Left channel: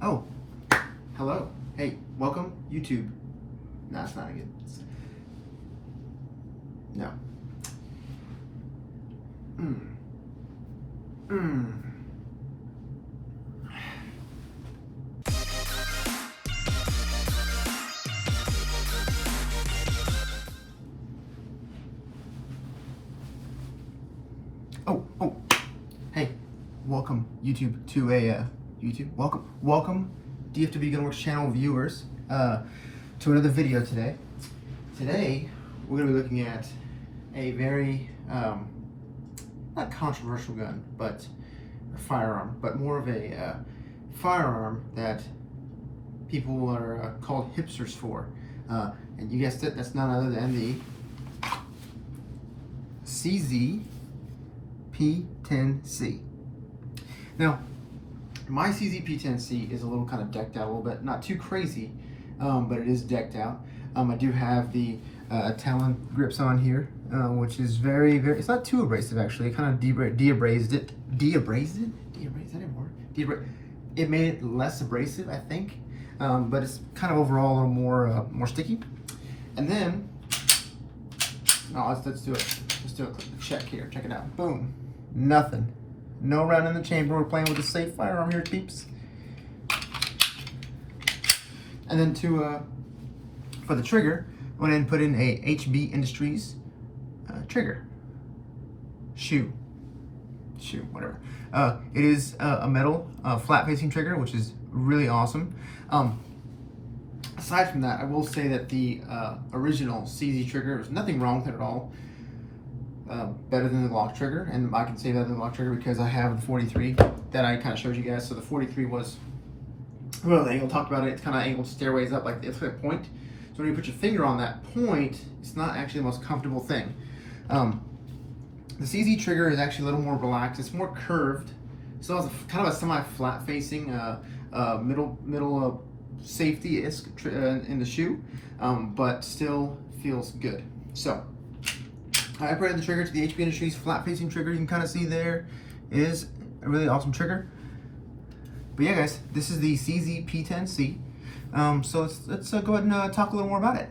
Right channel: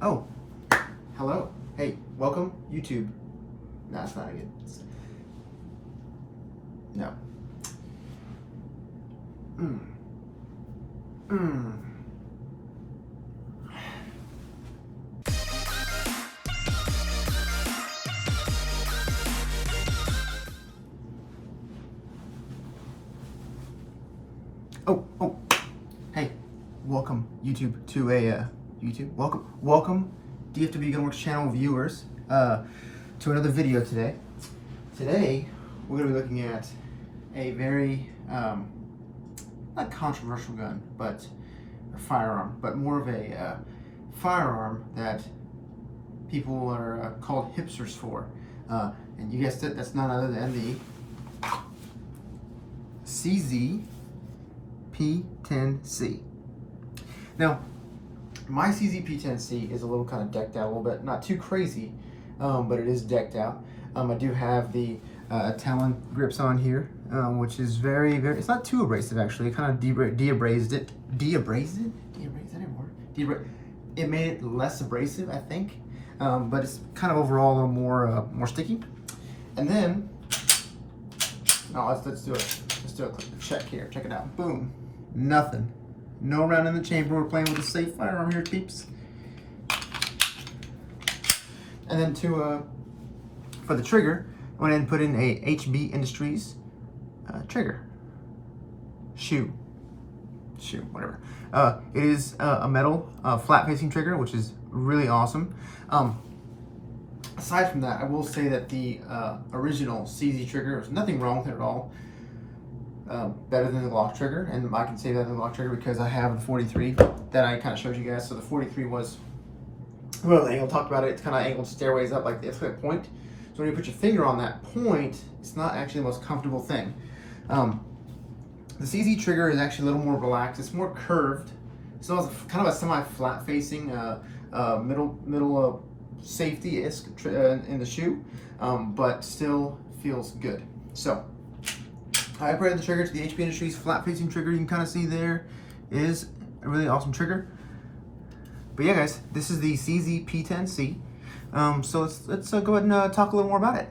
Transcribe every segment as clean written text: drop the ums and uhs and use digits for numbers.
Oh, hello. Hey, welcome, YouTube. No, it's not good. No. Oh. Hey, welcome, YouTube, to a, YouTube, welcome, DFW Gunworks channel viewers, to another video today. Today, we're going to be looking at a very, not controversial gun, but a firearm, but more of a firearm that people are called hipsters for. And you guessed it, that's none other than the CZ P10c. Now, my CZ P10c is a little kind of decked out a little bit, not too crazy, but it is decked out. I do have the Talon grips on here, which is very, it's not too abrasive actually. It kind of de-abrased it. De-abrased it? De-abrased, that didn't work. It made it less abrasive, I think, but it's kind of overall a little more sticky. And then, let's do it. Let's do a quick check here. Check it out. Boom. Nothing. No round in the chamber. We're playing with a safe firearm here, peeps. And then for the trigger, I went ahead and put in a HB Industries trigger. Shoe, whatever. It is a metal flat facing trigger, which is really awesome. Aside from that, I will say that the original CZ trigger, there's nothing wrong with it at all. Better than the Glock trigger, and I can say that the Glock trigger because I have the 43 that I kind of showed you guys. So the 43 was, well, the angle talked about it. It's kind of angled stairways up, like it's like a point. So when you put your finger on that point, it's not actually the most comfortable thing. The CZ trigger is actually a little more relaxed. It's more curved. So it's kind of a semi-flat facing middle safety-esque in the shoe, but still feels good. So I upgraded the trigger to the HB Industries flat facing trigger. You can kind of see there is a really awesome trigger. But yeah, guys, this is the CZ P10C. So let's go ahead and talk a little more about it.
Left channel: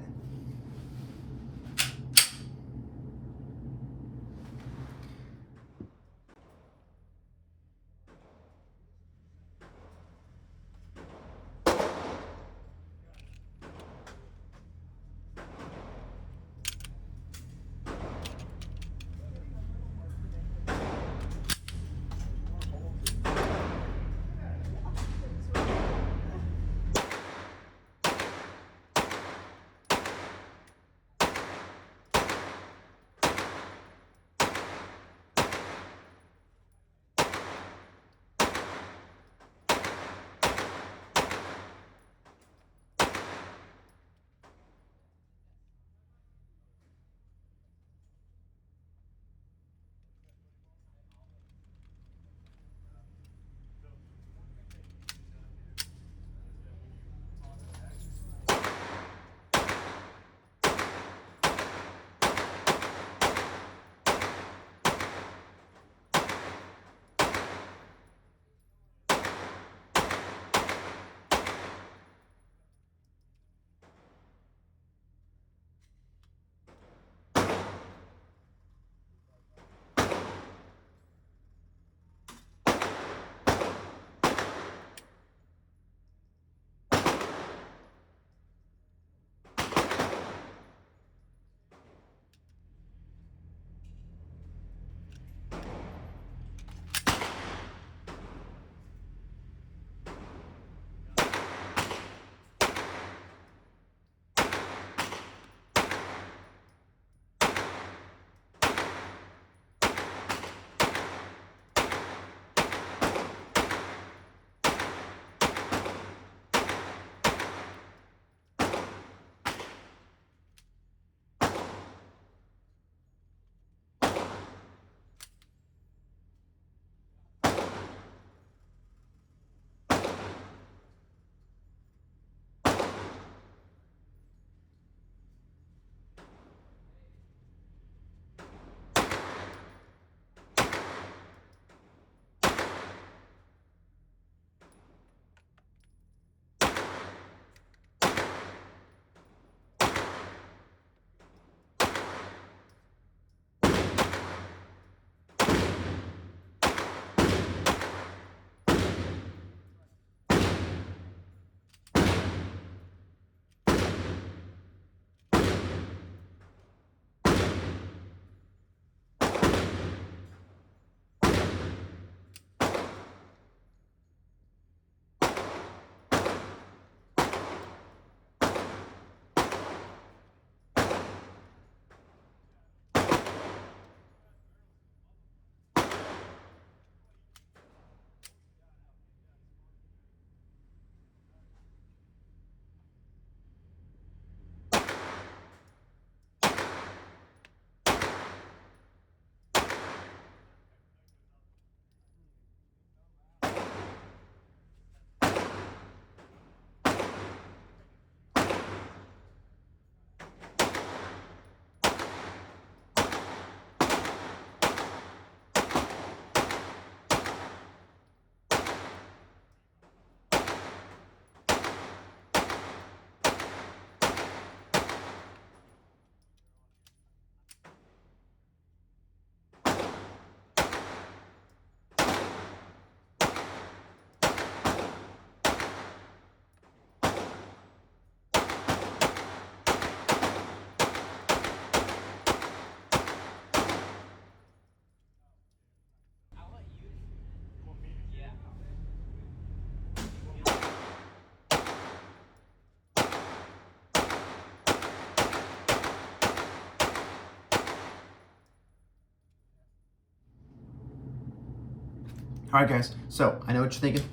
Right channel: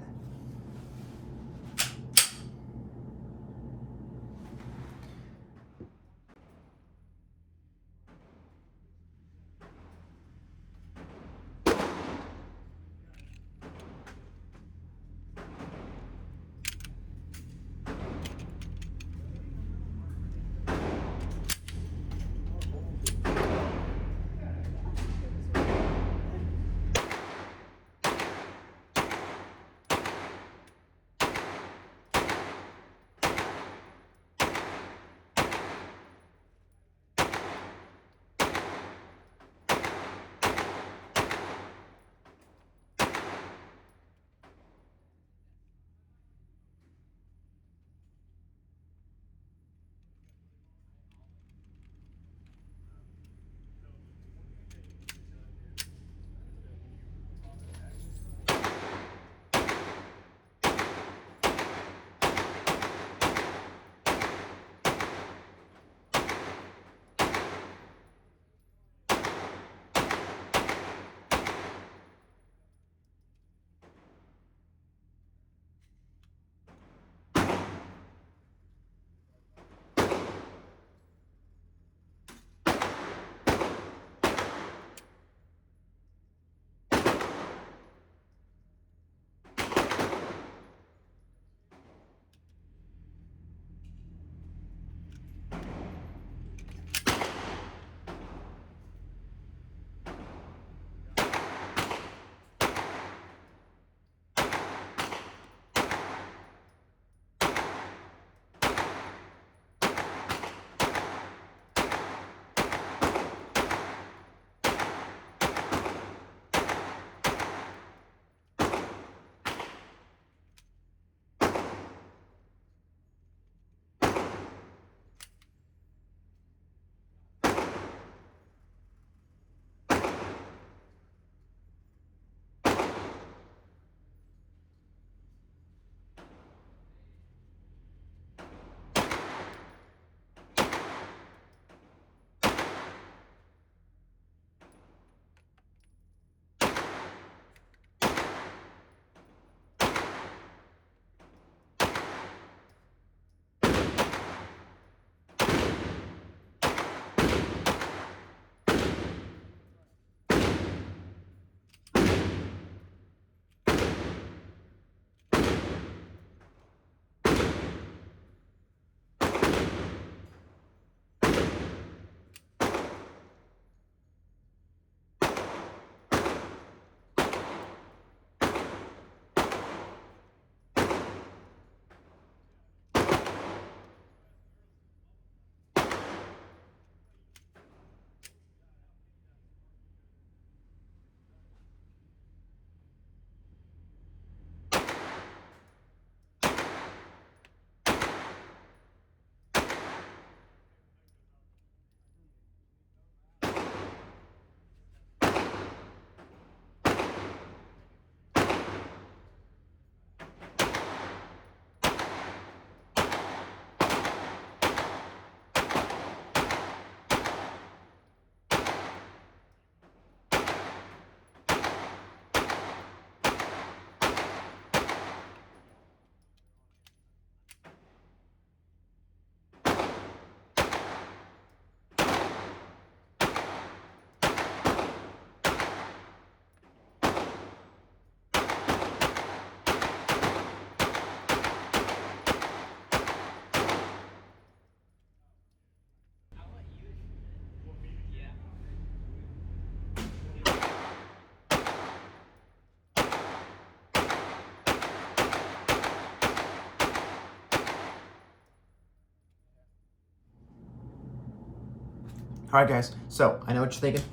All right, guys. So I know what you're thinking.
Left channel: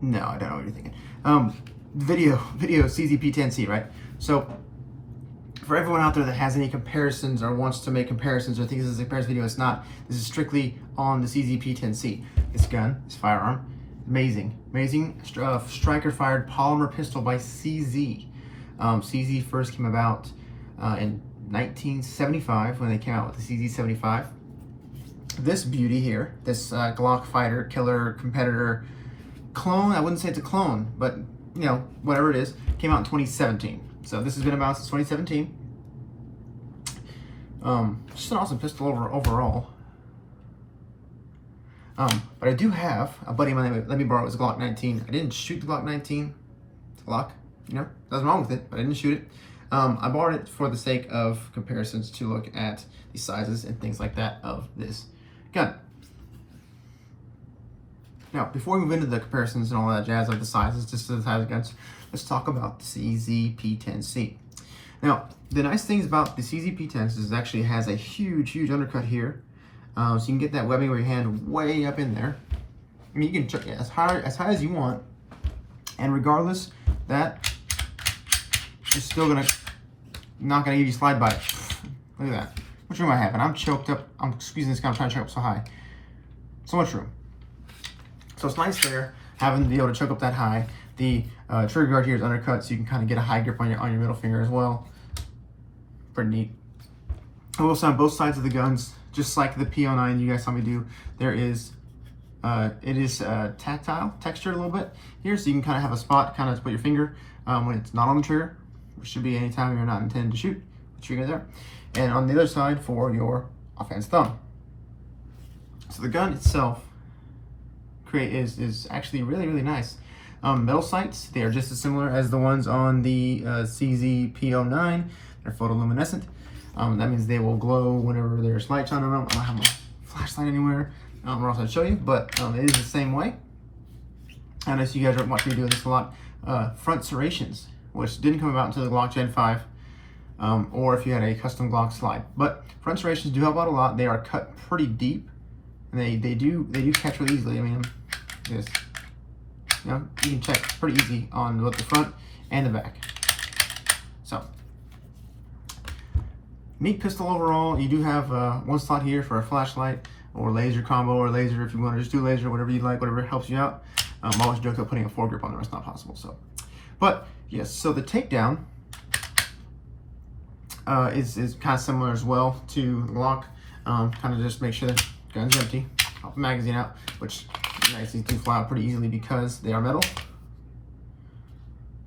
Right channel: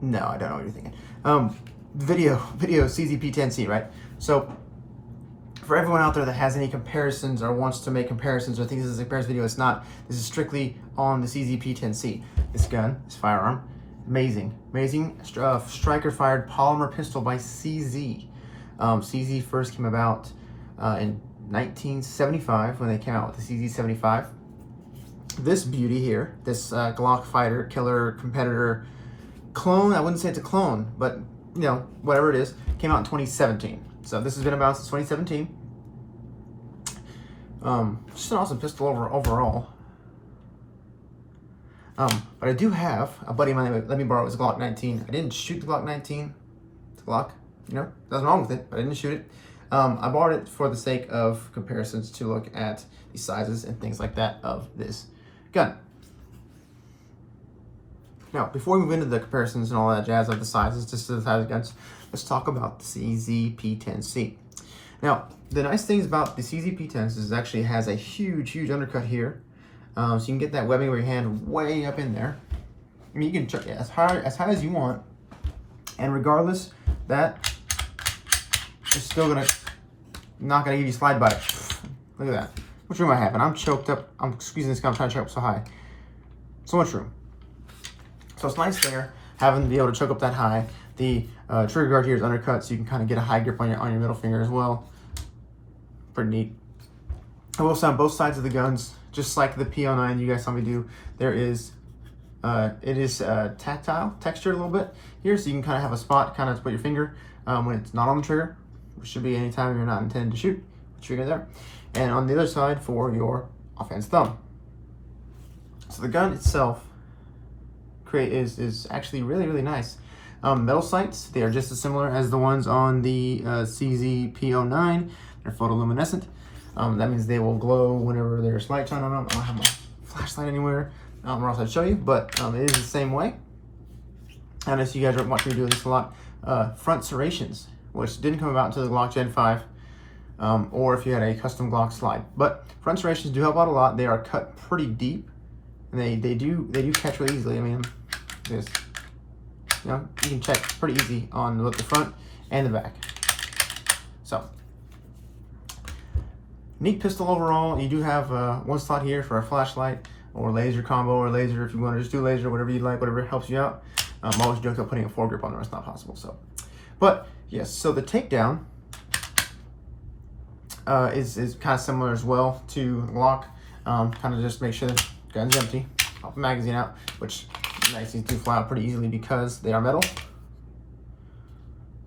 No, I don't know what you're thinking. Video CZ P10C, right? So for everyone out there that has any comparisons or wants to make comparisons or thinks this is a comparison video, it's not. This is strictly on the CZ P10C. This gun, this firearm, amazing striker fired polymer pistol by CZ. CZ first came about in 1975 when they came out with the CZ75. This beauty here, this glock-fighter, killer, competitor, clone, I wouldn't say it's a clone, but you know, whatever it is, came out in 2017. So this has been about since 2017. Just an awesome pistol overall. But I do have a buddy of mine that let me borrow his Glock 19. I didn't shoot the Glock 19. It's a Glock, you know, nothing wrong with it, but I didn't shoot it. I borrowed it for the sake of comparisons to look at the sizes and things like that of this gun. Now, before we move into the comparisons and all that jazz of the sizes, just to the size of guns, let's talk about the CZ P10C. Now, the nice things about the CZ P10C is it actually has a huge undercut here. So you can get that webbing of your hand way up in there. I mean, you can check it as high as you want. And regardless, that is still not gonna give you slide bite. Look at that. Much room I have, and I'm choked up. I'm squeezing this gun, I'm trying to choke up so high. So much room. So it's nice there, having to be able to choke up that high. The trigger guard here is undercut, so you can kind of get a high grip on your middle finger as well. Pretty neat. I will say on both sides of the guns, just like the P09 you guys saw me do, there is, it is tactile, textured a little bit here, so you can kind of have a spot kind of to put your finger when it's not on the trigger, which should be any time you're not intending to shoot, the trigger there. And on the other side for your offhand thumb. So the gun itself is actually really nice. Metal sights, they are just as similar as the ones on the CZ P09. They're photoluminescent. That means they will glow whenever there's light shine on them. I don't have my flashlight anywhere, or else I'd show you, but it is the same way. And as you guys are watching me do this a lot, front serrations, which didn't come about until the Glock Gen 5, or if you had a custom Glock slide. But front serrations do help out a lot. They are cut pretty deep, and they do catch really easily. I mean, this, you know, you can check pretty easy on both the front and the back. So, neat pistol overall. You do have one slot here for a flashlight or laser combo, or laser if you want to just do laser, whatever you like, whatever helps you out. I'm always joking about putting a foregrip on there. It's not possible. So, but yes, so the takedown is kind of similar as well to the Glock. Kind of just make sure the gun's empty, pop the magazine out, which nice, these do fly out pretty easily because they are metal.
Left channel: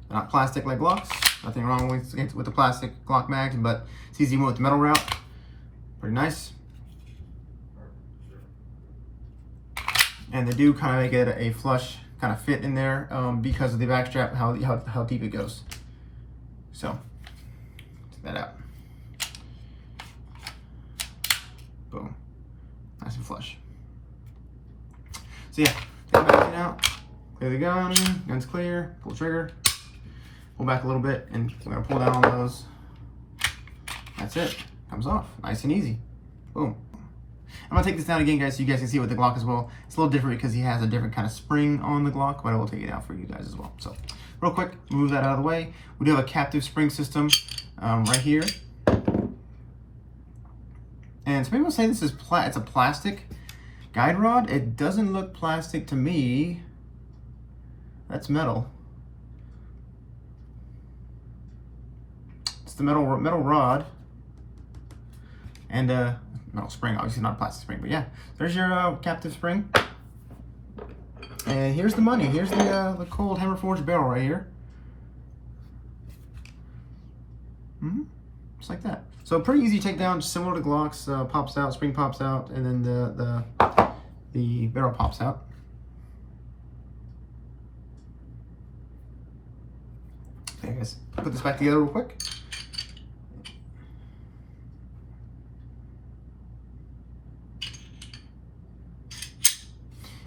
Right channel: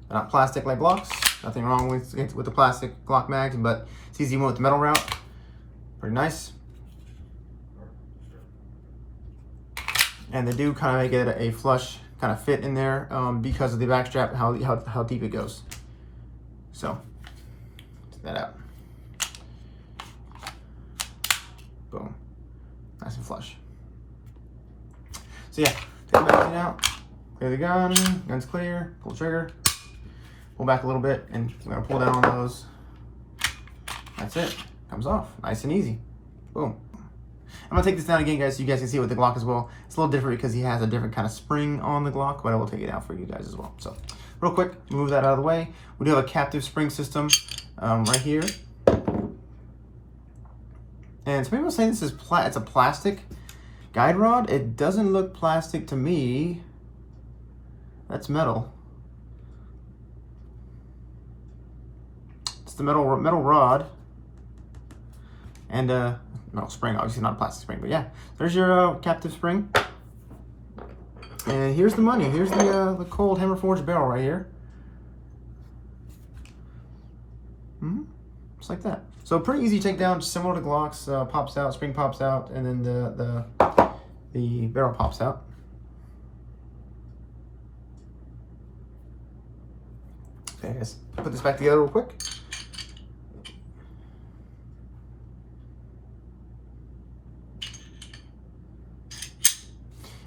They're not plastic like Glocks. Nothing wrong with the plastic Glock mags, but CZ went with the metal route. Pretty nice. And they do kind of make it a flush kind of fit in there because of the back strap, how deep it goes. So, check that out. Boom. Nice and flush. So yeah, take the magazine out, clear the gun, gun's clear, pull the trigger, pull back a little bit, and we're gonna pull down on those. That's it, comes off, nice and easy, boom. I'm gonna take this down again, guys, so you guys can see it with the Glock as well. It's a little different because he has a different kind of spring on the Glock, but I will take it out for you guys as well. So, real quick, move that out of the way. We do have a captive spring system right here. And some people are saying this is it's a plastic guide rod. It doesn't look plastic to me. That's metal. It's the metal rod. And metal spring, obviously not a plastic spring, but yeah. There's your captive spring. And here's the money. Here's the cold hammer forged barrel right here. Just like that. So pretty easy takedown, similar to Glocks. Pops out, spring pops out, and then the barrel pops out. Okay, guys, put this back together real quick.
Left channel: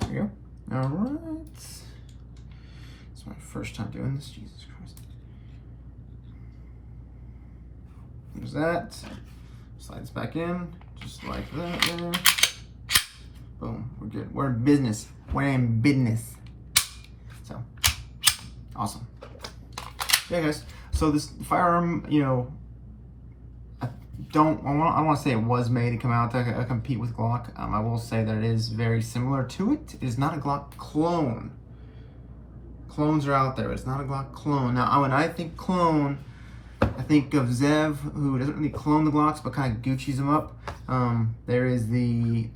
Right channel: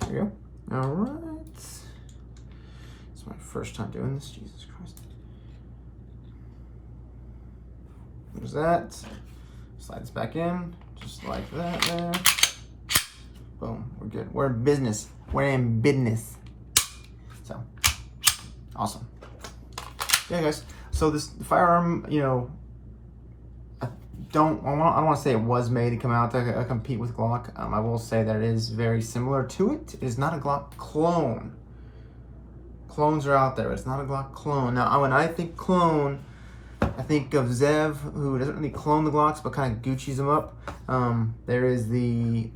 There you go. All right. It's my first time doing this. Jesus Christ. There's that. Slide this back in, just like that there. Boom, we're good. We're in business. We're in business. So, awesome. Yeah, guys. So this firearm, you know, I don't want to say it was made to come out to compete with Glock. I will say that it is very similar to it. It is not a Glock clone. Clones are out there. It's not a Glock clone. Now, when I think clone, I think of Zev, who doesn't really clone the Glocks, but kind of Gucci's them up. There is the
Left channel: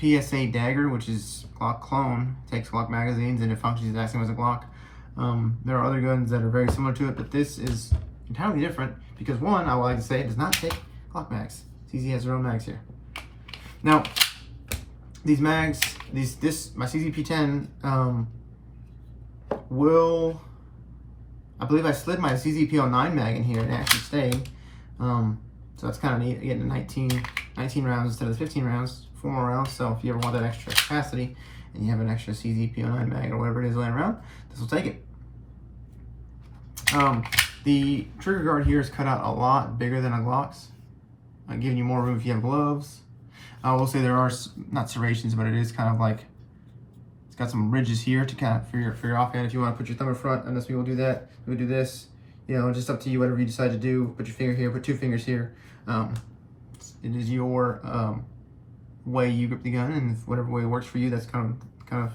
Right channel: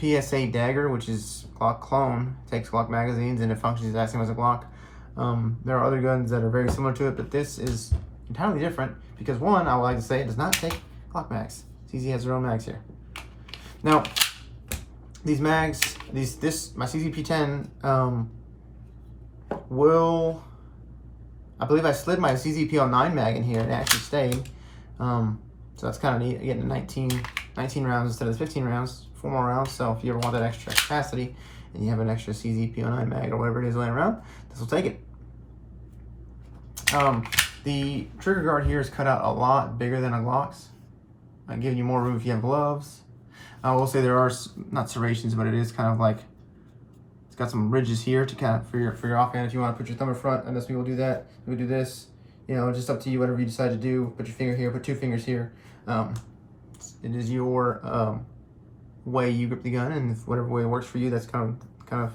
PSA Dagger, which is Glock clone. Takes Glock magazines and it functions the exact same as a Glock. There are other guns that are very similar to it, but this is entirely different because one, I would like to say, it does not take Glock mags. CZ has their own mags here. Now, these mags, my CZ P10 will, I believe I slid my CZ P09 mag in here and it actually stayed. So that's kind of neat, getting 19 rounds instead of the 15 rounds, 4 more rounds. So if you ever want that extra capacity and you have an extra CZ P09 mag or whatever it is laying around, this will take it. The trigger guard here is cut out a lot bigger than a Glock's. I'm giving you more room if you have gloves. I will say there are not serrations, but it is kind of like, it's got some ridges here to kind of for your offhand. If you want to put your thumb in front, unless we will do that, we will do this. You know, just up to you, whatever you decide to do. Put your finger here, put 2 fingers here. It is your way you grip the gun, and whatever way works for you, that's kind of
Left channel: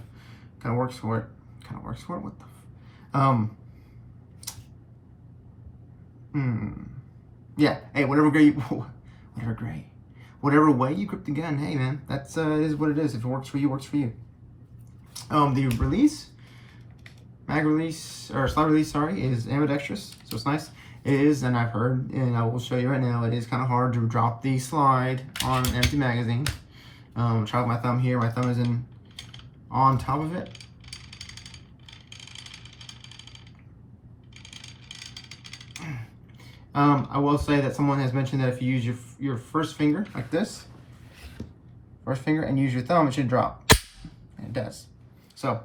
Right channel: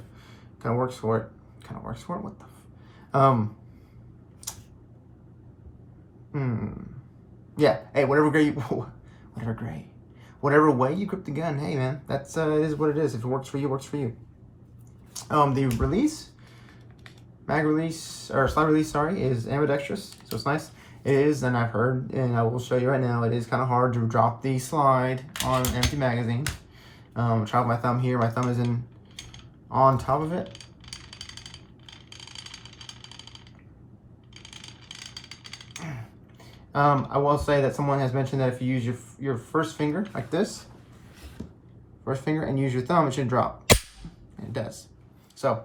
works for it. Kind of works for it. What the? Yeah. Hey, whatever way you grip the gun. Hey, man, that's it is what it is. If it works for you, it works for you. The release, mag release or slide release, sorry, is ambidextrous, so it's nice. It is, and I've heard, and I will show you right now, it is kind of hard to drop the slide on an empty magazine. Try with my thumb here. My thumb is on top of it. I will say that someone has mentioned that if you use your first finger like this, and use your thumb, it should drop. And it does. So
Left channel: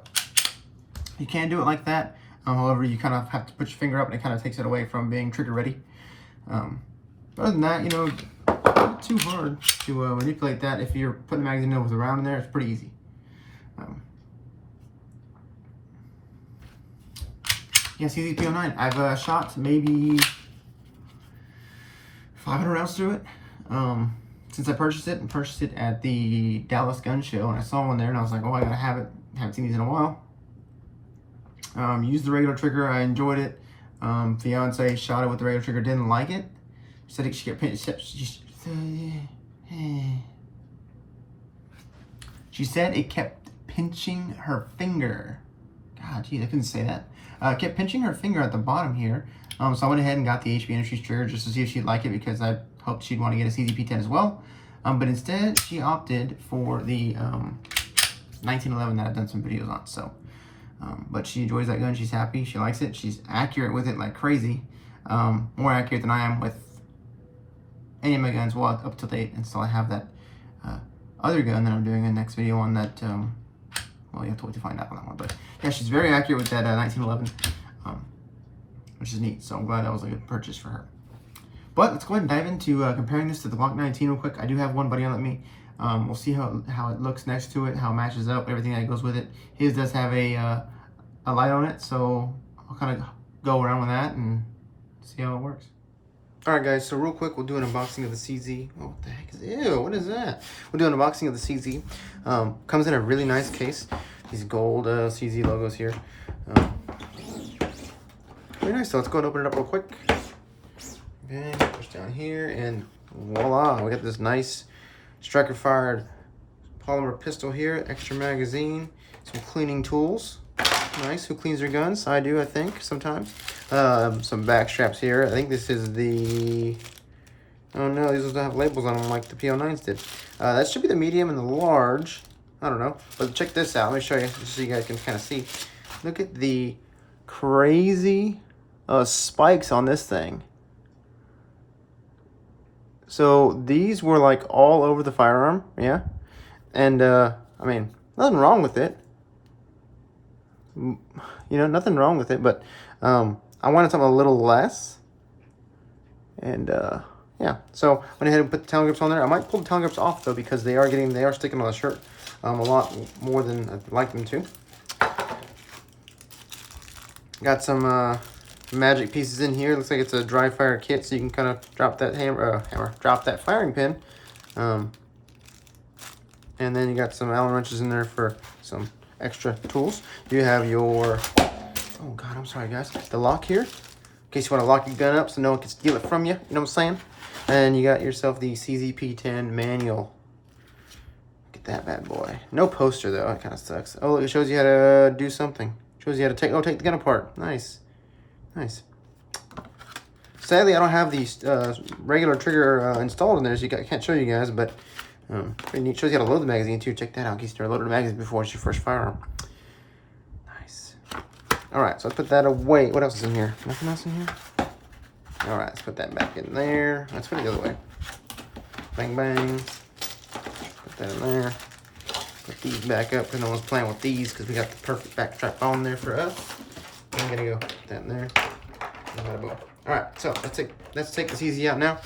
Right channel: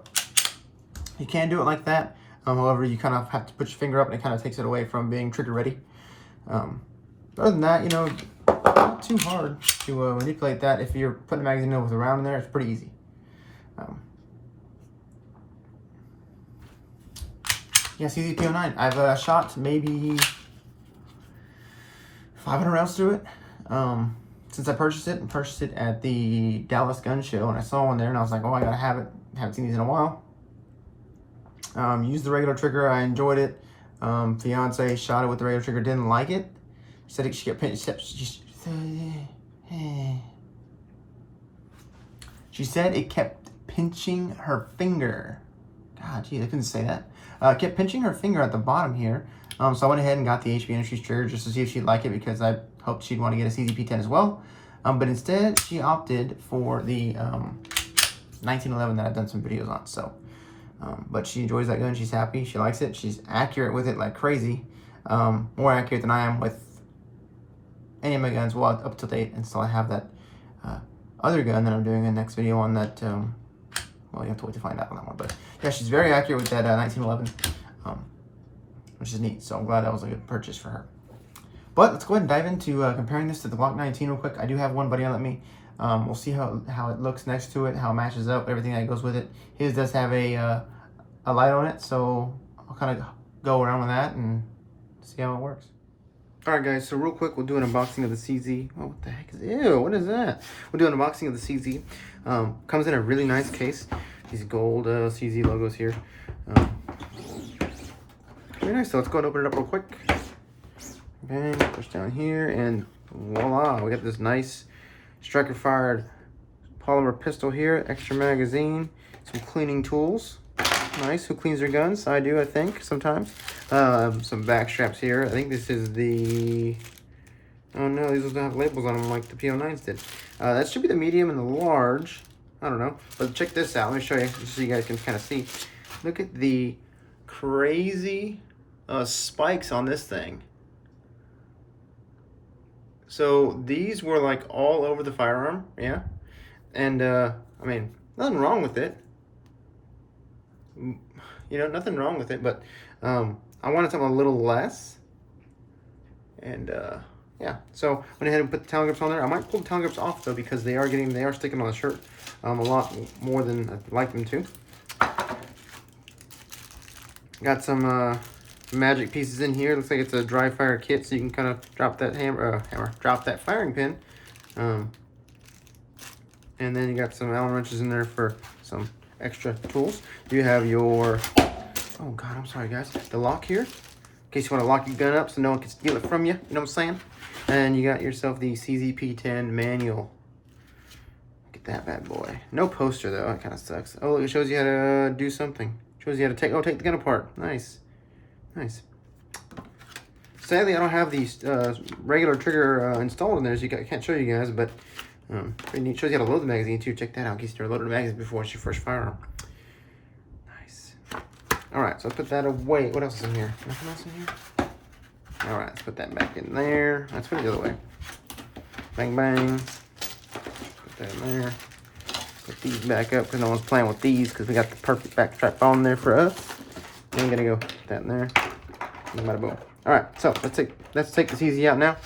you can do it like that. However, you kind of have to put your finger up, and it kind of takes it away from being trigger ready. Other than that, you know, not too hard to manipulate that. If you're putting the magazine with a round in there, it's pretty easy. Yeah, CZ P09. I've shot maybe 500 rounds through it since I purchased it, and purchased it at the Dallas Gun Show, and I saw one there, and I was like, oh, I gotta have it. Haven't seen these in a while. Used the regular trigger. I enjoyed it. Fiance shot it with the regular trigger, didn't like it. She said she said it kept pinching her finger. God, geez, I couldn't say that. Kept pinching her finger at the bottom here. So I went ahead and got the HB Industries trigger just to see if she'd like it, because I hoped she'd want to get a CZ P10 as well. But instead, she opted for the 1911 that I've done some videos on. So, but she enjoys that gun. She's happy. She likes it. She's accurate with it like crazy. More accurate than I am with any of my guns. Well, up to date. And still I have that other gun that I'm doing a next video on that. Well, you have to wait to find out on that one. But yeah, she's very accurate with that 1911. Which is neat, so I'm glad that was a good purchase for her. But let's go ahead and dive into comparing this to the Glock 19 real quick. I do have one buddy on let me. We'll see how it looks next to it, how it matches up, everything that goes with it. His does have a light on it, so I'll kind of go around with that and see how it works. All right, guys, so real quick, we'll do an unboxing of the CZ. Oh, what the heck is, ew, what is that? We'll do an unboxing of the CZ. Comes in a really nice case. These gold CZ logos here. Very nice. So let's go and open it up real quick. Bang, push down here, and voila, we got this nice striker fired polymer pistol here, extra magazine, some cleaning tools. Nice. Who cleans their guns? I do, I think, sometimes. Some back straps here. I think this is the, oh no, these don't have labels on them like the P09s did. That should be the medium and the large. I don't know, but check this out. Let me show you just so you guys can kind of see. Look at the crazy spikes on this thing. So these were like all over the firearm, yeah, and I mean, nothing wrong with it, you know, nothing wrong with it, but I wanted something a little less, and yeah, yeah. So went ahead and put the Talon grips on there. I might pull the Talon grips off though because they are sticking on the shirt a lot more than I'd like them to. Got some magic pieces in here. Looks like it's a dry fire kit, so you can kind of drop that drop that firing pin. And then you got some Allen wrenches in there for some extra tools. You have your, oh God, I'm sorry guys, the lock here, in case you want to lock your gun up so no one can steal it from you, you know what I'm saying? And you got yourself the CZ P10 manual. Look at that bad boy. No poster though, it kind of sucks. Oh, look, it shows you how to do something. Shows you how to take the gun apart. Nice. Nice. Sadly, I don't have the regular trigger installed in there, so I can't show you guys, but pretty neat. Shows you how to load the magazine too. Check that out in case you're loading the magazine before it's your first firearm. Nice. Alright, so I put that away. What else is in here? Nothing else in here? Alright, let's put that back in there. Let's put it the other way. Bang, bang. Put that in there. Put these back up because no one's playing with these because we got the perfect back strap on there for us. I'm gonna go put that in there. Alright, so let's take the CZ out now.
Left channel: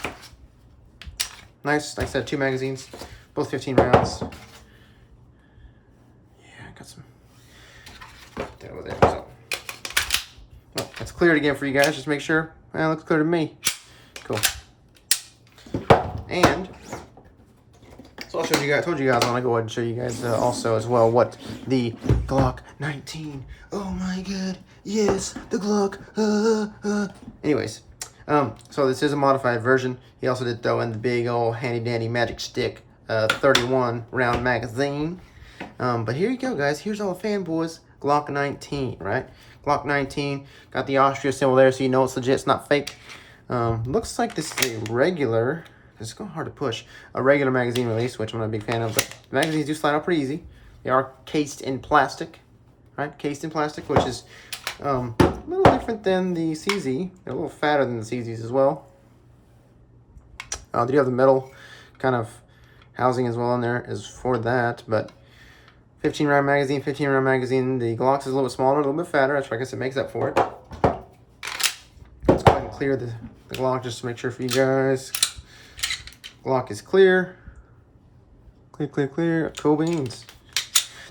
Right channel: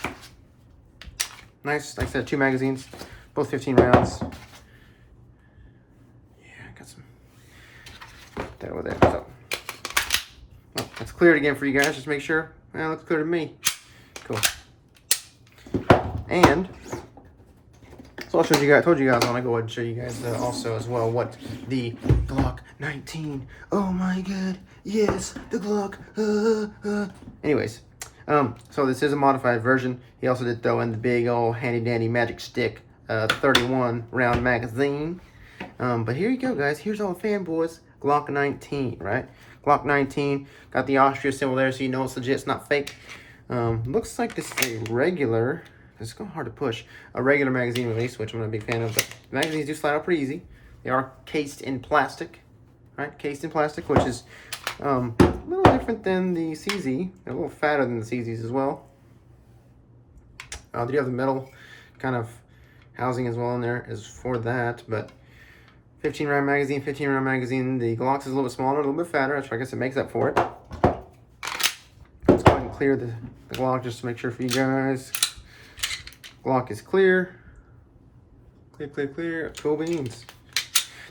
Nice, like I said, 2 magazines, both 15 rounds. Yeah, I got some. Put that over there. So, well, that's cleared again for you guys. Just make sure. Well, it looks clear to me. Cool. And so I told you guys I want to go ahead and show you guys also as well what the Glock 19. Oh my God, yes, the Glock. Anyways, so this is a modified version. He also did throw in the big old handy dandy magic stick 31 round magazine. But here you go, guys. Here's all the fanboys. Glock 19, right? Glock 19. Got the Austria symbol there, so you know it's legit. It's not fake. Looks like this is a regular. It's kind of hard to push. A regular magazine release, which I'm not a big fan of, but the magazines do slide out pretty easy. They are cased in plastic, right? Cased in plastic, which is a little different than the CZ. They're a little fatter than the CZs as well. They do have the metal kind of housing as well in there as for that, but 15 round magazine. The Glock is a little bit smaller, a little bit fatter. That's why I guess it makes up for it. Let's go ahead and clear the Glock just to make sure for you guys. Glock is clear. Clear. Cool beans.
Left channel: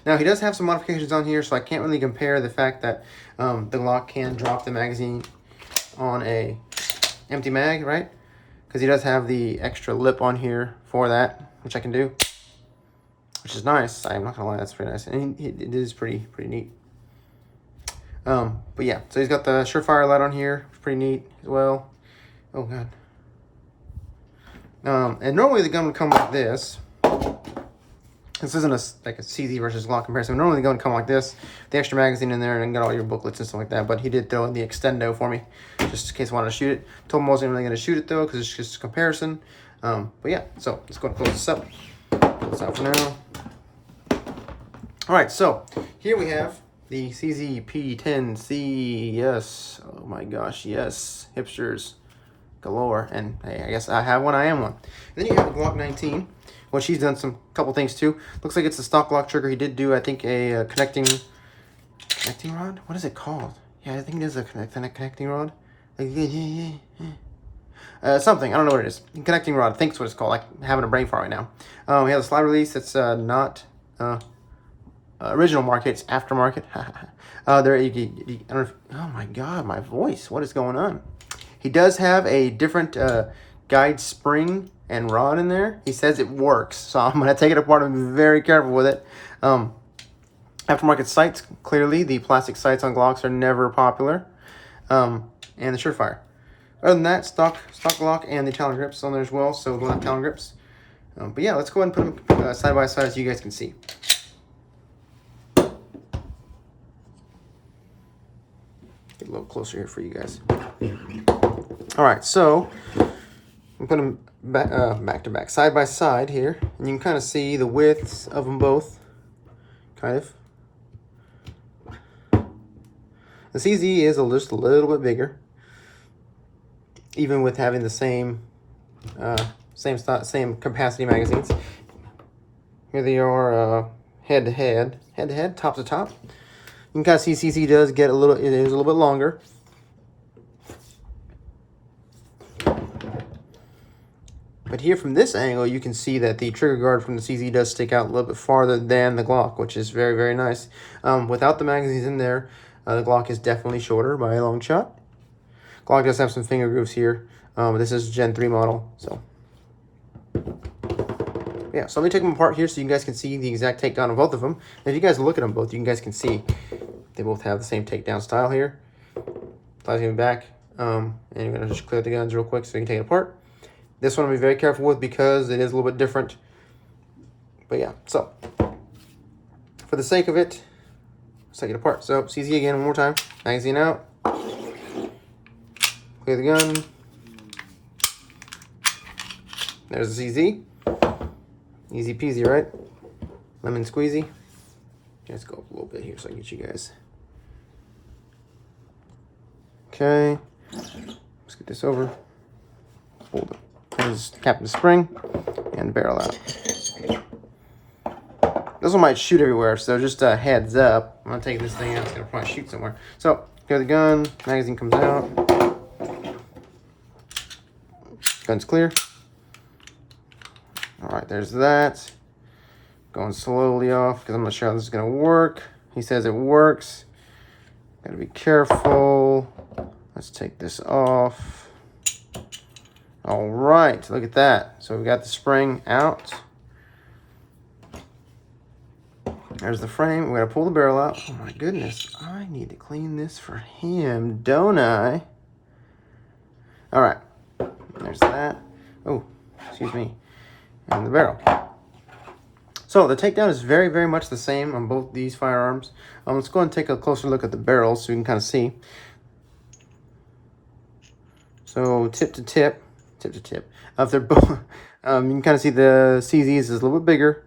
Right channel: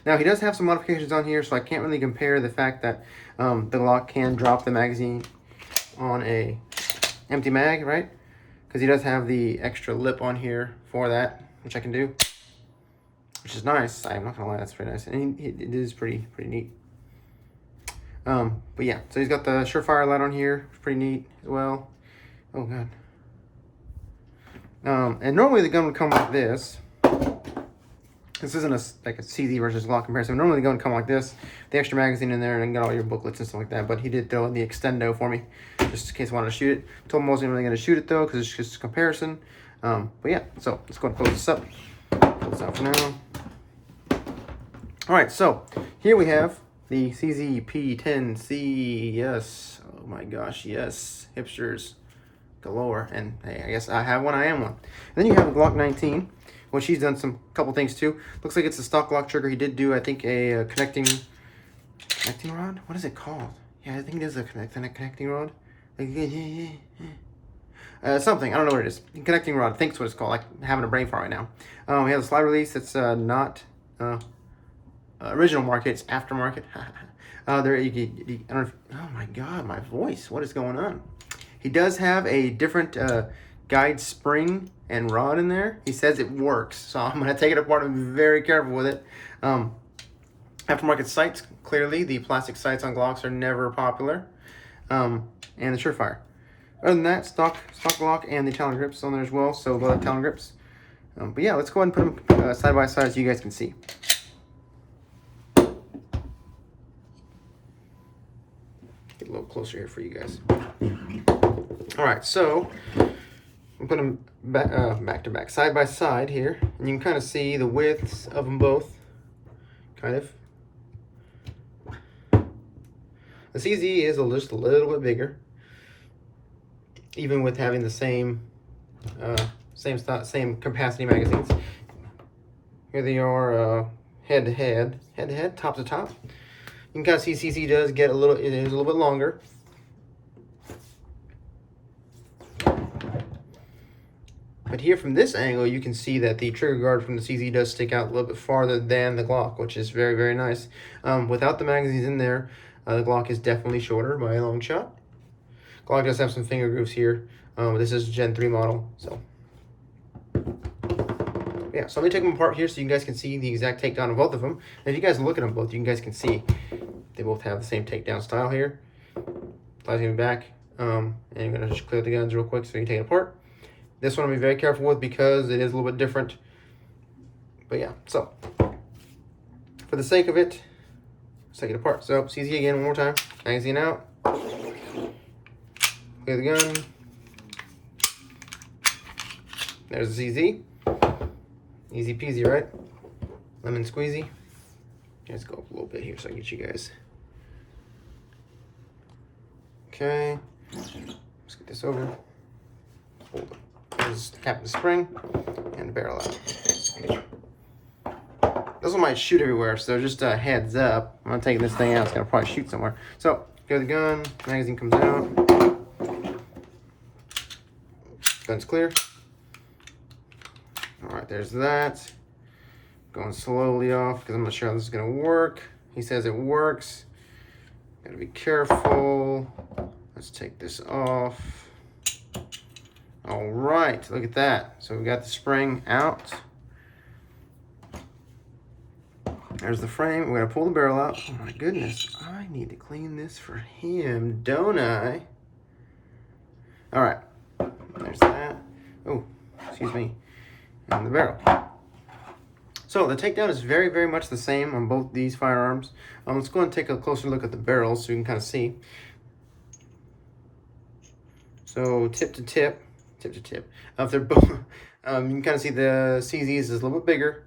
Now, he does have some modifications on here, so I can't really compare the fact that the Glock can drop the magazine on a empty mag, right? Because he does have the extra lip on here for that, which I can do, which is nice. I'm not gonna lie, that's pretty nice, and it is pretty neat. But yeah, so he's got the Surefire light on here, pretty neat as well. Oh God. And normally the gun would come like this. This isn't like a CZ versus Glock comparison. Normally the gun would come like this, the extra magazine in there, and got all your booklets and stuff like that. But he did throw in the extendo for me, just in case I wanted to shoot it. Told him I wasn't really going to shoot it though, because it's just a comparison. But yeah, so let's go and close this up. Close this out for now. All right, so here we have the CZ P10C. Yes, oh my gosh, yes, hipsters galore. And hey, I guess I have one, I am one. And then you have a Glock 19, which he's done some couple things too. Looks like it's a stock Glock trigger. He did do, I think, a connecting rod. What is it called? Yeah, I think it is a connecting rod. Something, I don't know what it is. Connecting rod, I think it's what it's called. Like having a brain fart right now. He has a slide release. It's not original market. It's aftermarket. There, I don't know if, oh my God, my voice. What is going on? He does have a different guide spring and rod in there. He says it works, so I'm going to take it apart and be very careful with it. Aftermarket sights, clearly the plastic sights on Glocks are never popular. And the Surefire. Other than that, stock Glock and the Talon grips on there as well, so both have Talon grips. But yeah, let's go ahead and put them side by side so you guys can see. Get a little closer here for you guys. All right, so I'm put them back to back, side by side here, and you can kind of see the widths of them both, kind of. The CZ is just a little bit bigger, even with having the same capacity magazines. Here they are, head to head, top to top. You can kind of see CZ does get it is a little bit longer. But here from this angle, you can see that the trigger guard from the CZ does stick out a little bit farther than the Glock, which is very, very nice. Without the magazines in there, the Glock is definitely shorter by a long shot. Glock does have some finger grooves here. This is Gen 3 model, so. Yeah, so let me take them apart here so you guys can see the exact takedown of both of them. And if you guys look at them both, you guys can see they both have the same takedown style here. Flies gonna be back. And you're gonna just clear the guns real quick so you can take it apart. This one I'll be very careful with because it is a little bit different. But yeah, so for the sake of it, let's take it apart. So CZ again one more time. Magazine out. Clear the gun. There's the CZ. Easy peasy, right? Lemon squeezy. Let's go up a little bit here so I can get you guys. Okay. Let's get this over. Hold it. Just cap the spring and barrel out. This one might shoot everywhere, so just a heads up. I'm not taking this thing out. It's gonna probably shoot somewhere. So, clear the gun. Magazine comes out. Gun's clear. All right, there's that. Going slowly off because I'm not sure how this is gonna work. He says it works. Gotta be careful. Let's take this off. All right, look at that. So we got the spring out. There's the frame. We're gonna pull the barrel out. Oh my goodness, I need to clean this for him, don't I? All right, there's that. Oh, excuse me. And the barrel. So the takedown is very, very much the same on both these firearms. Let's go and take a closer look at the barrels so you can kind of see. So tip to tip. If they're both, you can kind of see the CZs is a little bit bigger.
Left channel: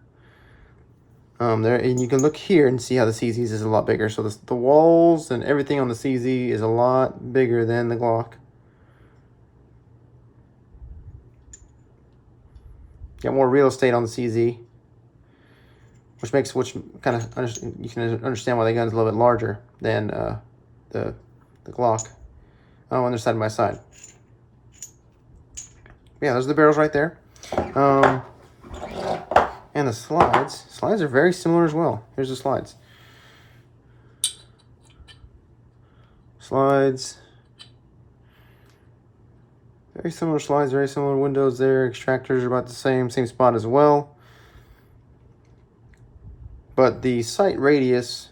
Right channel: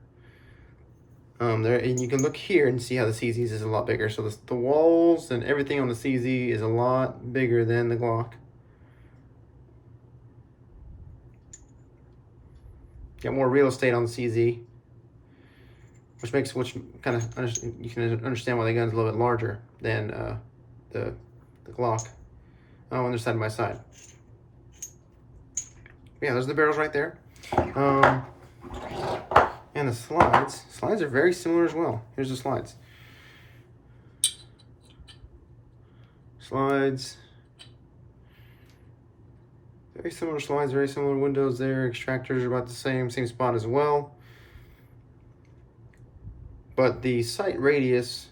There, and you can look here and see how the CZs is a lot bigger. So the walls and everything on the CZ is a lot bigger than the Glock. Got more real estate on the CZ, which kind of you can understand why the gun's a little bit larger than the Glock. Oh, and they're side by side. Yeah, those are the barrels right there. And the slides. Slides are very similar as well. Here's the slides. Slides. Very similar slides, very similar windows there. Extractors are about the same spot as well. But the sight radius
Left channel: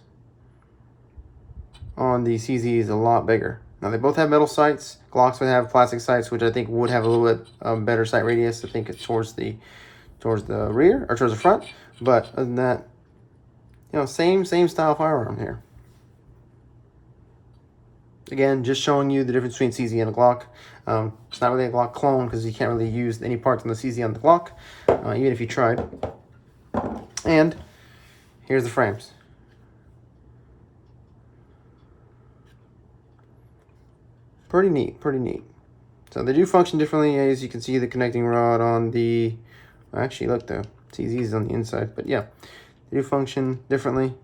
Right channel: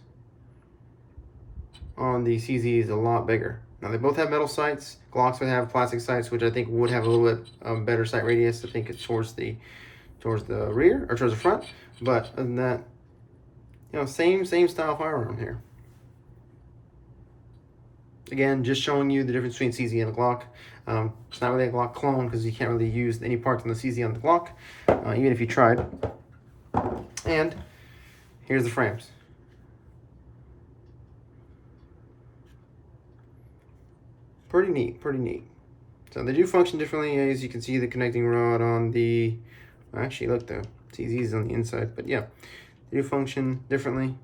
on the CZ is a lot bigger. Now they both have metal sights. Glocks would have plastic sights, which I think would have a little bit better sight radius. I think it's towards the rear or towards the front. But other than that, you know, same style firearm here. Again, just showing you the difference between CZ and a Glock. It's not really a Glock clone because you can't really use any parts on the CZ on the Glock, even if you tried. And here's the frames. Pretty neat, pretty neat. So they do function differently. As you can see, the connecting rod on the, actually look, the CZ is on the inside, but yeah, they do function differently,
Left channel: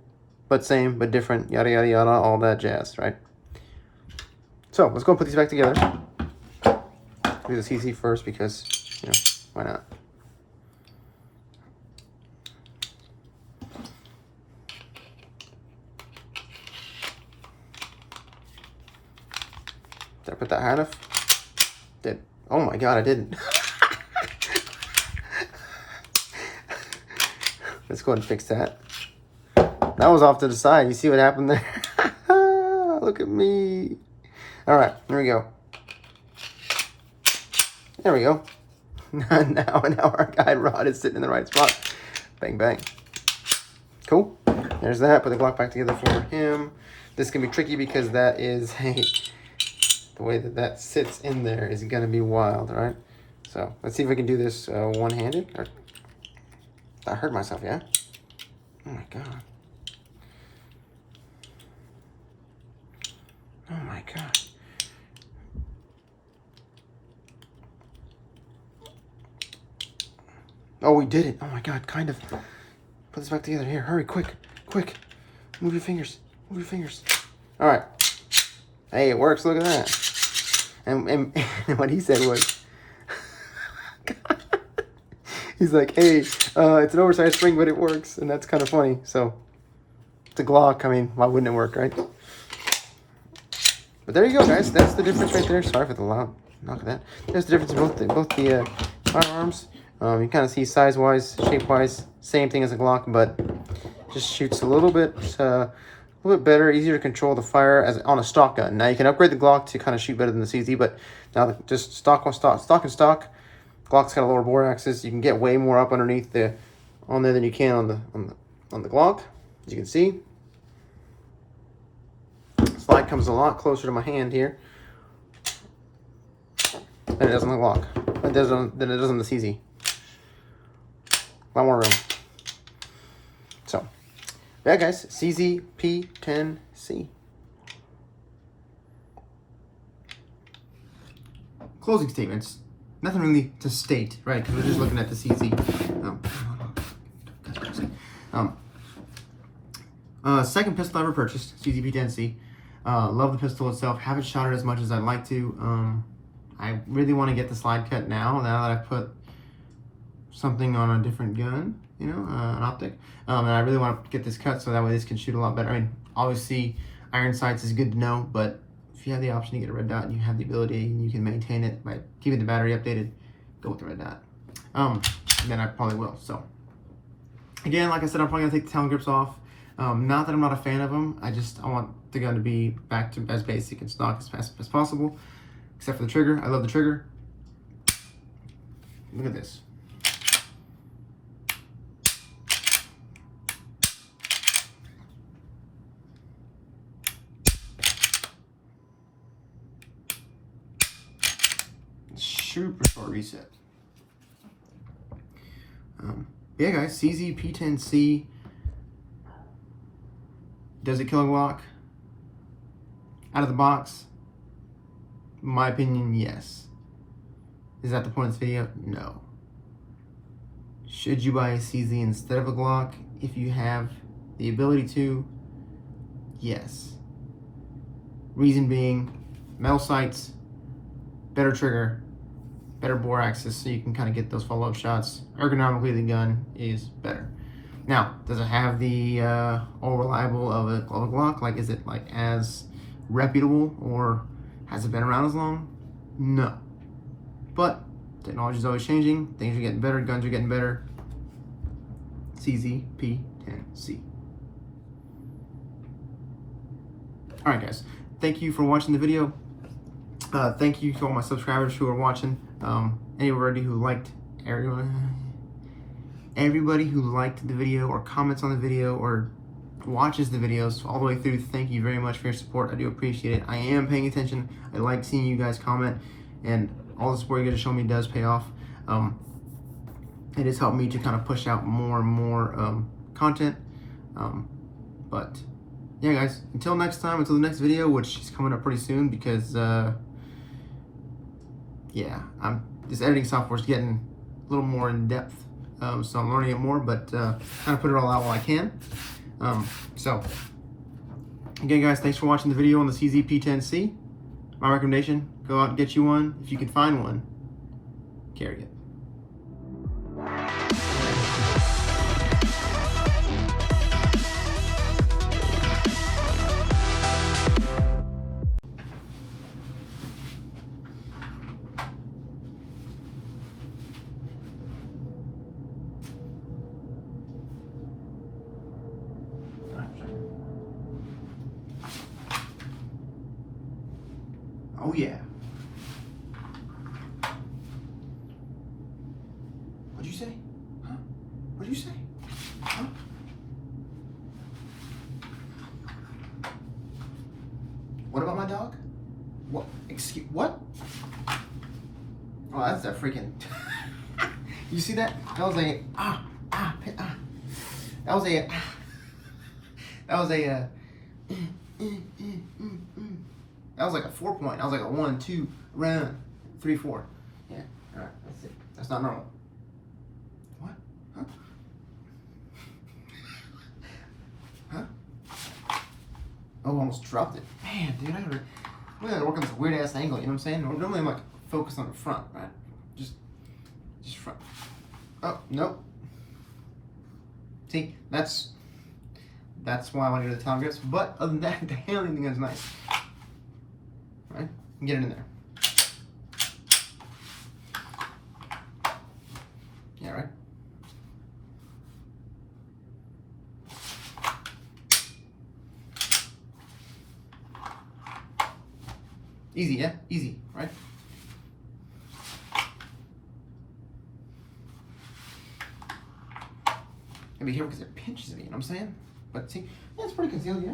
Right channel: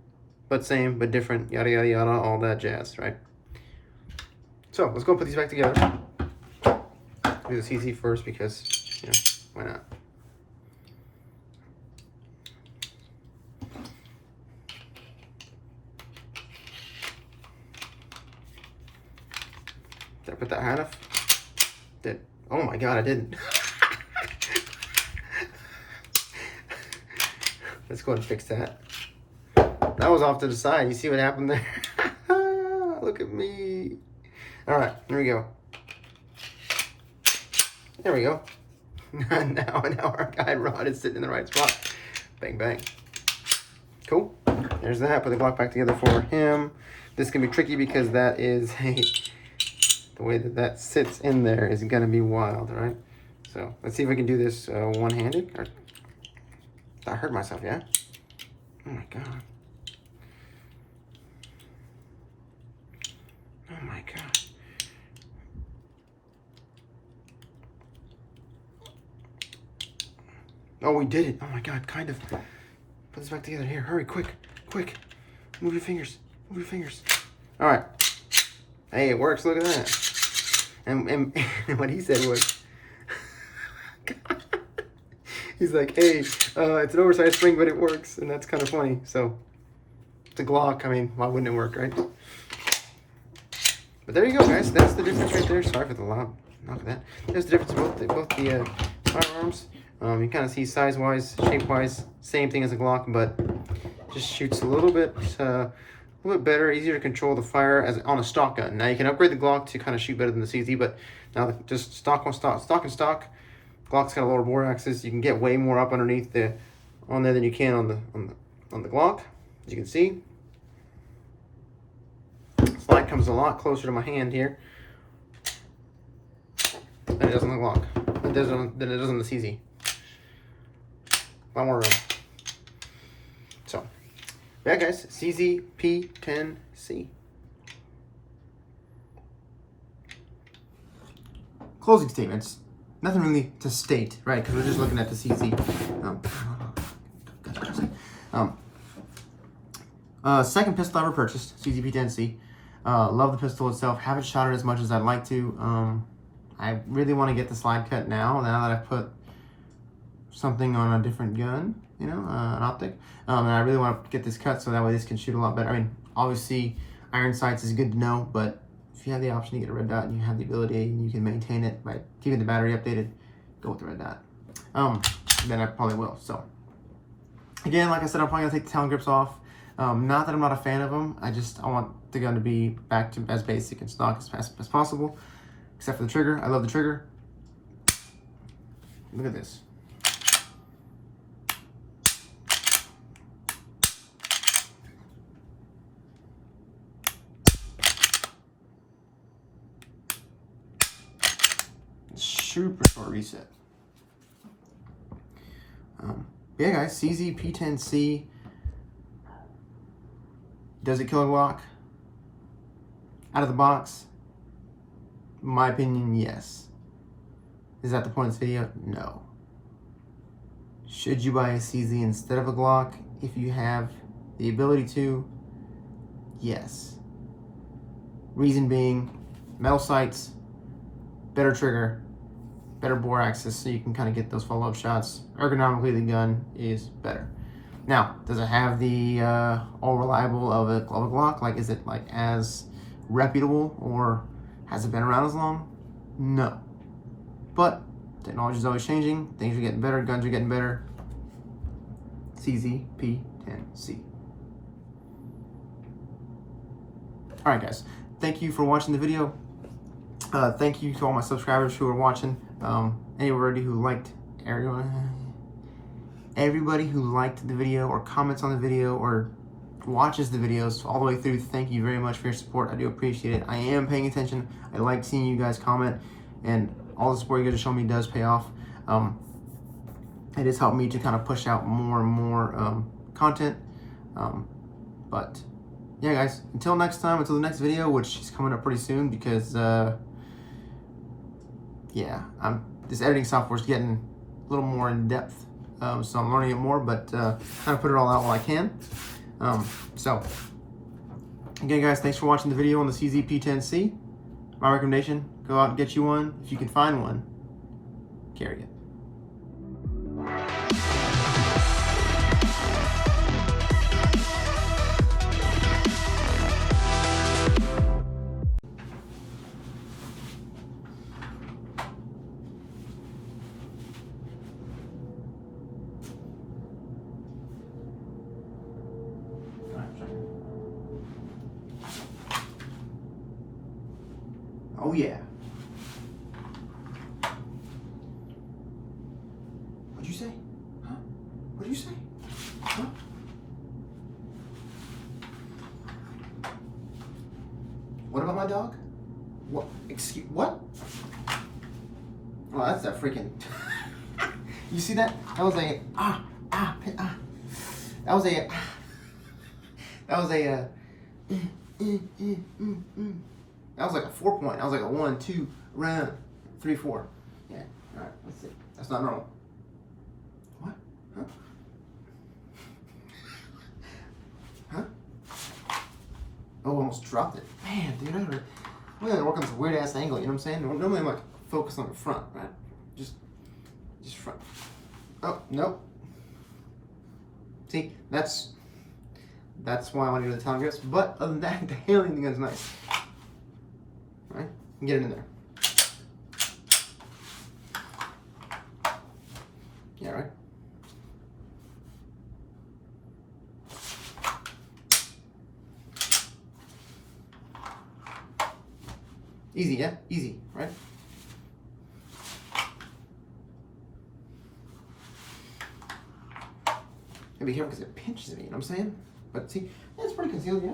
but same, but different, yada, yada, yada, all that jazz, right? So let's go and put these back together. Do the CZ first because, you know, why not? Did I put that high enough? Did. Oh my God, I didn't. Let's go ahead and fix that. That was off to the side. You see what happened there? Look at me. All right, here we go. There we go. now our guide rod is sitting in the right spot. Bang, bang. Cool. There's that. Put the Glock back together for him. This can be tricky because that is the way that sits in there is gonna be wild, right? So let's see if we can do this one-handed. I hurt myself, yeah? Oh my God. Oh my God. Oh, we did it. Oh my God, kind of. Put this back together. Here, hurry, quick. Move your fingers. All right. Hey, it works. Look at that. And what he said was, He's like, hey, it's an oversized spring, but it works, and that's kind of funny. So it's a Glock. I mean, why wouldn't it work, right? But there you go, guys. That's the difference right there. Sorry for the loud knock of that. There's the difference in both the firearms. You kind of see size-wise, shape-wise, same thing as a Glock, but just shoots a little bit better, easier to control the fire as on a stock gun. Now you can upgrade the Glock to kind of shoot better than the CZ, but now just stock and stock. Glock's got a lower bore axis. You can get way more up underneath on there than you can on the Glock, as you can see. Slide comes a lot closer to my hand here than it does on the Glock. Than it does on the CZ. A lot more room. So, yeah, guys, CZ P10C. Closing statements. Nothing really to state, right? Because we're just looking at the CZ. Second pistol I ever purchased, CZ P10C. Love the pistol itself. Haven't shot it as much as I'd like to. I really want to get the slide cut now that I've put something on a different gun, you know, an optic. And I really want to get this cut so that way this can shoot a lot better. I mean, obviously, iron sights is good to know, but if you have the option to get a red dot and you have the ability and you can maintain it by keeping the battery updated, go with the red dot. Then I probably will. So, again, like I said, I'm probably gonna take the Talon grips off. Not that I'm not a fan of them. I want the gun to be back to as basic and stock as possible, except for the trigger. I love the trigger. Look at this. Super short reset. Yeah, guys, CZ P10C. Does it kill a Glock? Out of the box? In my opinion, yes. Is that the point of this video? No. Should you buy a CZ instead of a Glock if you have the ability to? Yes. Reason being, metal sights, better trigger, better bore axis, so you can kind of get those follow-up shots. Ergonomically, the gun is better. Now, does it have the all reliable of a Glock? Like, is it like as reputable, or has it been around as long? No. But technology is always changing. Things are getting better. Guns are getting better. CZ P10C. All right, guys. Thank you for watching the video. Thank you to all my subscribers who are watching. Everybody who liked the video or comments on the video or watches the videos all the way through, thank you very much for your support. I do appreciate it. I am paying attention. I like seeing you guys comment, and all the support you guys are showing me does pay off. It has helped me to kind of push out more and more content. But yeah, guys, until next time, until the next video, which is coming up pretty soon, because yeah, this editing software is getting a little more in depth. So I'm learning it more, but kind of put it all out while I can. So again, guys, thanks for watching the video on the CZ P10C. My recommendation, go out and get you one. If you can find one, carry it. Oh yeah. What'd you say? Huh? What'd you say? Huh? What about my dog? What? Excuse, what? Oh, that's a freaking... You see that? That was a, That was a, that was a, that was like a 4 point. I was like a 1, 2, round, 3, 4. Yeah, all right, let's see. That's not normal. What? Huh? Huh? Oh, almost dropped it. Man, dude, I gotta work on this weird ass angle, you know what I'm saying? Normally I'm like focused on the front, right? Just front. Oh, Nope. See, that's why I want to go to the Talon grips. But other than that, the handling of the gun is nice. All right, get it in there. Yeah, right. Easy, yeah, easy, right? Gotta be careful because it pinches me, you know what I'm saying? But see, yeah, it's pretty concealed, yeah.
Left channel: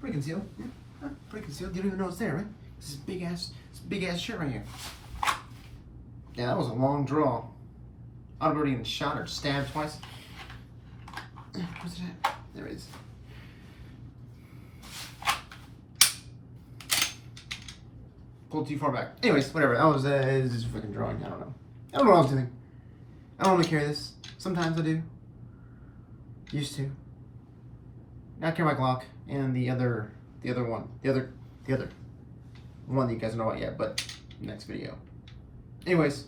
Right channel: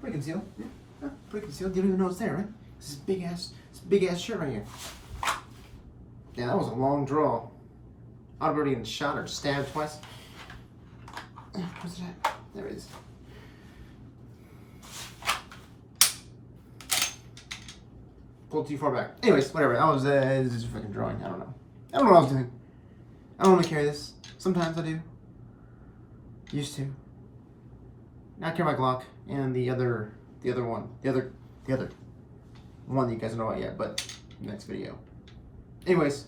Pretty concealed, yeah. Pretty concealed. You don't even know it's there, right? This is big ass shit right here. Yeah, that was a long draw. I'd have already been shot or stabbed twice. Where's it at? There it is. Pulled too far back. Anyways, whatever. That was just a freaking drawing. I don't know. I don't know what I was doing. I don't normally carry this. Sometimes I do. Used to. Now I carry my Glock and the other one that you guys don't know about yet, but next video. Anyways.